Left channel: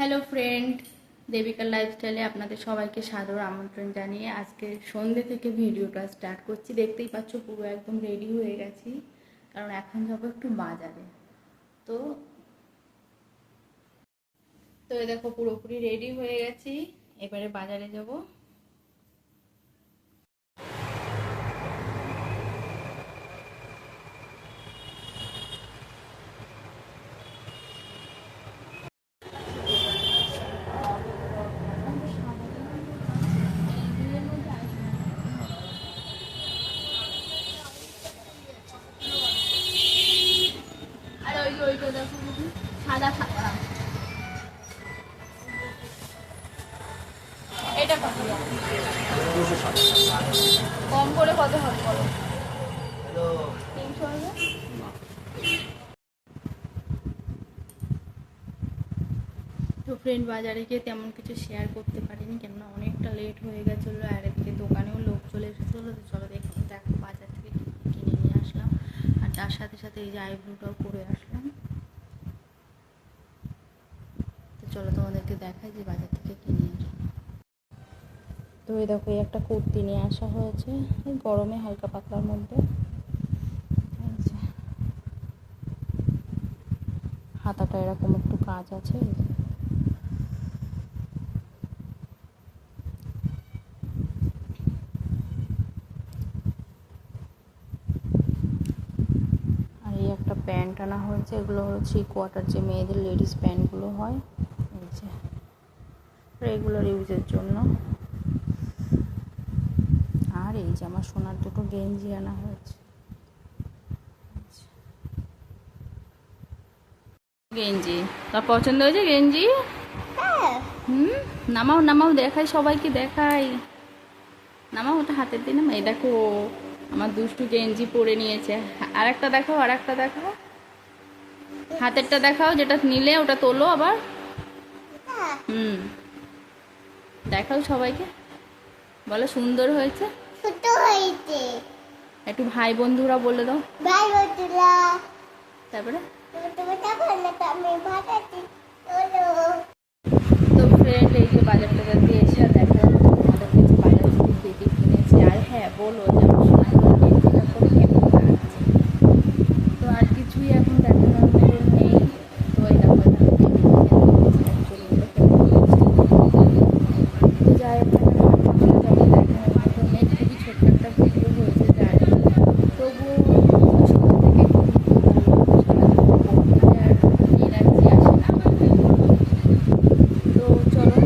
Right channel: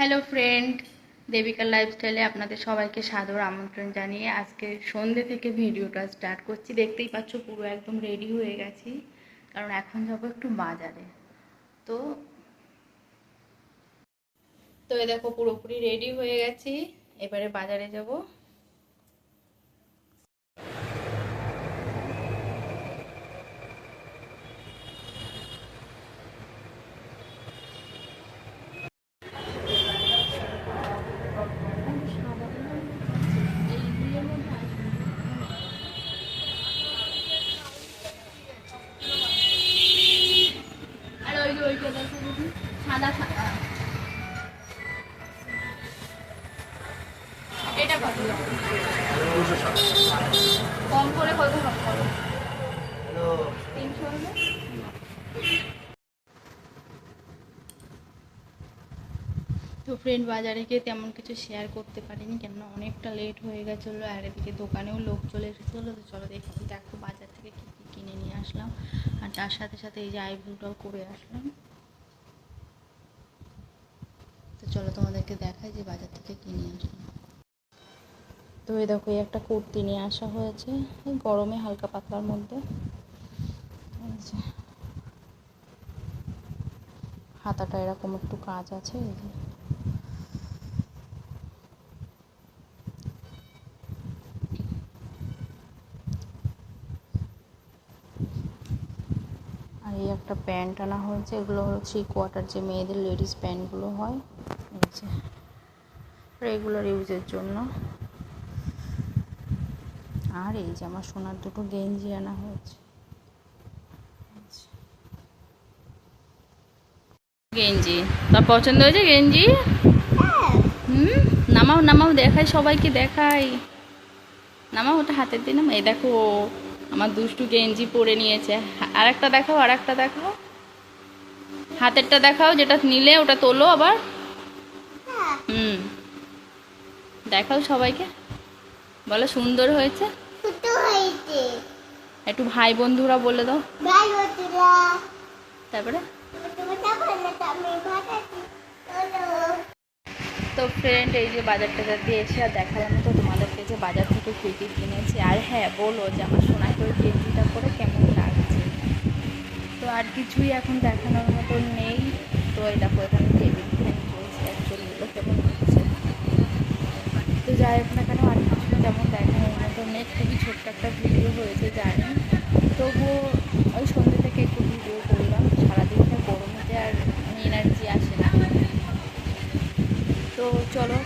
Hello friend, Devika লাইফস্টাইলে আপনাদের সবাইকে সাদর আমন্ত্রণ জানিয়ে আজকে সন্ধ্যে থেকে ভিডিওটা স্টার্ট করছি। দেখতেই পাচ্ছ পুরো একদম রেডি হয়ে গেছি, কারণ এখন যাবো একটু বাজারে। তো তো এই দেখো পুরোপুরি রেডি হয়ে গেছি, এবারে বাজারে যাব। সাদা সাদা এটা কত? কম করে কত হবে? 300 হবে। তো ফ্রেন্ড, বাজারে গিয়ে তেমন কিছু শেয়ার করতে পারিনি, কেননা অনেকটা লেট হয়ে গেছিলো, আর এদিকে দোকানেও লোক চলে এসেছিলো। তো চলো দেখো বাজার থেকে কী কী কিনে নিয়ে আসলাম, আর তার সাথে সাথে এই যে আইব্রোটাও করে আসলাম। তো চলো তোমাদেরকে দেখাই যে বাজার থেকে কিনে আসলাম। তো এই দেখো, এই একটা কুর্তি নিয়ে আসা হয়েছে, গরমে হালকা পাতলার মধ্যে। হাতাটা এরকম একটু কাজ আছে। আর এই একটা প্যান্ট আনা হয়েছে, এগুলো হলো 3/4 যে মেয়েদের লেডিস প্যান্টগুলো হয়, এই যে রেগুলার ইউজের জন্য। আর এই যে আমার সোনার দুটো গেঞ্জি আনা হয়েছে। গেঞ্জি তার পছন্দ হয়েছে গেঞ্জি? নামাও নামাও, দেখাই সবাইকে, দেখাই। নামাও ওটা হাতের দিয়ে নামাও। এই দেখো আমার দুষ্টু গেঞ্জি পরে নিয়েছে। আর একটা দেখাও, আর একটা দেখাও, হাতেরটা দেখাও, যেটা নিলে ওটা তোলো আবার। দেখাও সবাইকে, বলো সুন্দর হয়েছে। একটু ভাই বন্ধুরা বলে দাও। তারপরে তো ফ্রেন্ড, এই যে বাজার টাজার দিয়ে এসে আর দেখা যাচ্ছে তোমাদের কাছে বাজার থেকে পেটি কিনেছি। আর হ্যাঁ, বলো যে আমার সোনাই করে গেঞ্জিটা করে কেমন লাগছে। তো আর কিছুই এখন দেখানোর মতন নেই। তো এই দেখো এখানে কেমন হচ্ছে। তো যাই হোক না কেন, আর কিছু তেমন দেখানোর মতন নেই। খুবই ছোট্ট একটা ভিডিও হয়েছে, যাই তবুও সন্ধ্যে থেকে একটু ভিডিও করলাম। সারাদিনটা করতে আর এনার্জি আসে না। তো চলো